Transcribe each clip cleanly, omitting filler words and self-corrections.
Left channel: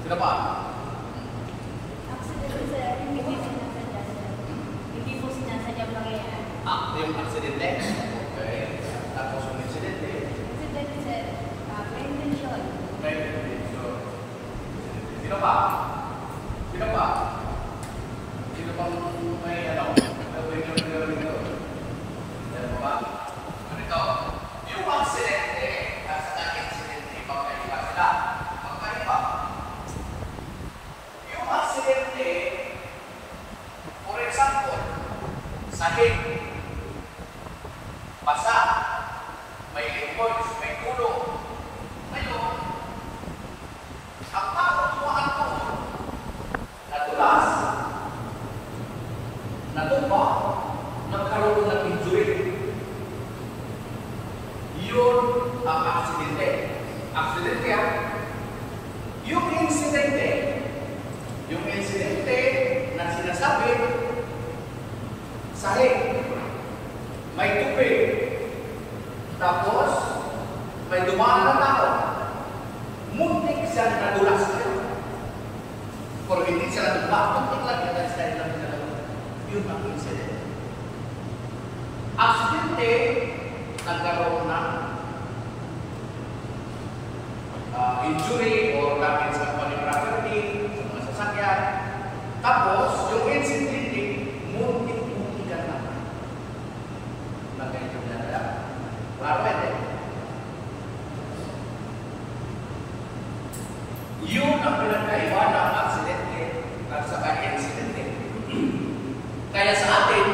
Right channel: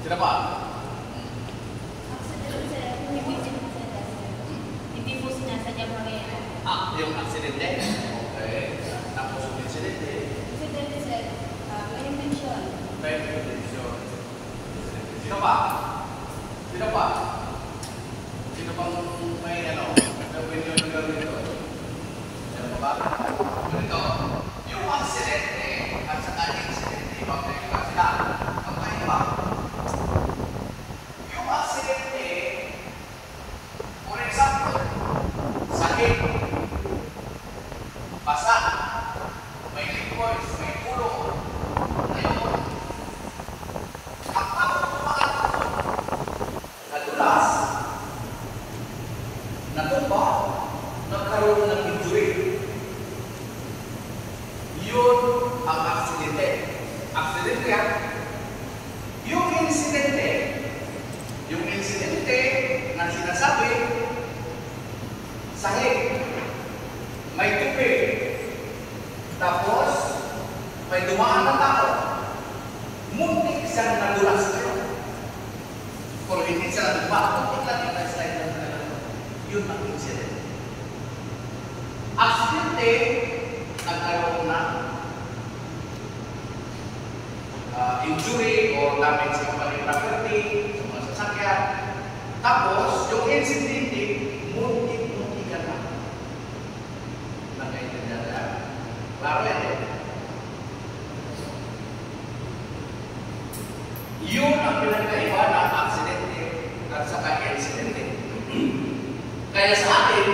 Sino pa? Accident, sir. Hindi po sinasadya, sir. Hindi po sinasadya mangyayari. Yung aksidente. Okay. Tapos yung insidente. Accident, sir. May intensyon. May intensyon. Sino pa? Sino pa? Sino pang may gawin ito? Sino pa ba? Ganito. Yung aksidente at saka insidente, magkaiba sila. Magkaiba. Yung aksidente, for example, sakit, basa, may liquids, may ulo. Ngayon, ang tao tumaano, nadulas, natumba, nagkaroon ng injury. Yun ang aksidente. Aksidente yan. Yung insidente na sinasabi, sahig, may tupi, tapos may dumaan na tao, muntik siyang nadulas kayo. Kung hindi siya nadulas, muntik lang yung lifestyle ng kalaman. Yun ang incident. Aksidente, nagkaroon na injury or damage sa kapatid property, sa mga sasakyan. Tapos, yung incidente, muntik ka na. Nakaintindihan na. Klaro yan eh. Yun ang pinagkaiba ng aksidente at saka insidente. Kaya sa atin,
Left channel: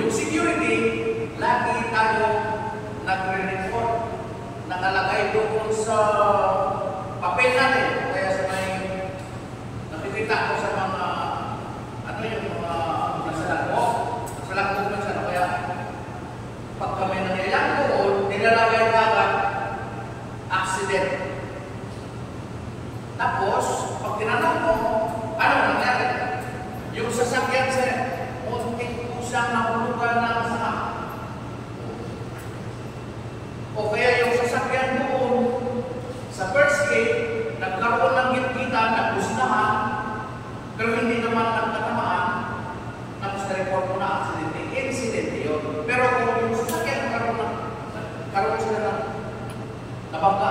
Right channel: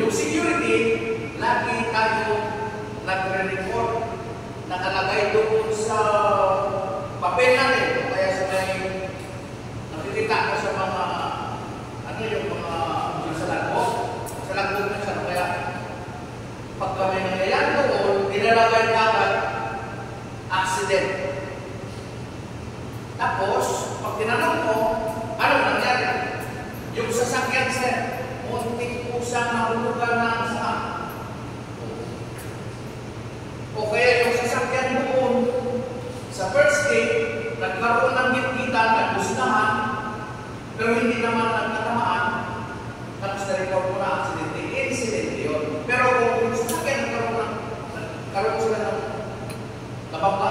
yung security, lagi tayo nagre-report, nakalagay doon sa papel natin, o kaya sa may nakikita ko sa mga yung mga nasa lagbo na siya, kaya pagka may nangyayari doon, nilalagay agad accident. Tapos, pag tinanong mo, ano nangyari? Yung sasakyan sa muntik po siyang nahulugan ng sama. O kaya yung sasakyan doon, sa first gate, nagkaroon ng gitgitan, nagbustahan, pero hindi naman nagtatamaan, tapos na-report mo na accident. Incident yun. Pero kung yung sasakyan nagkaroon sila ng nabangga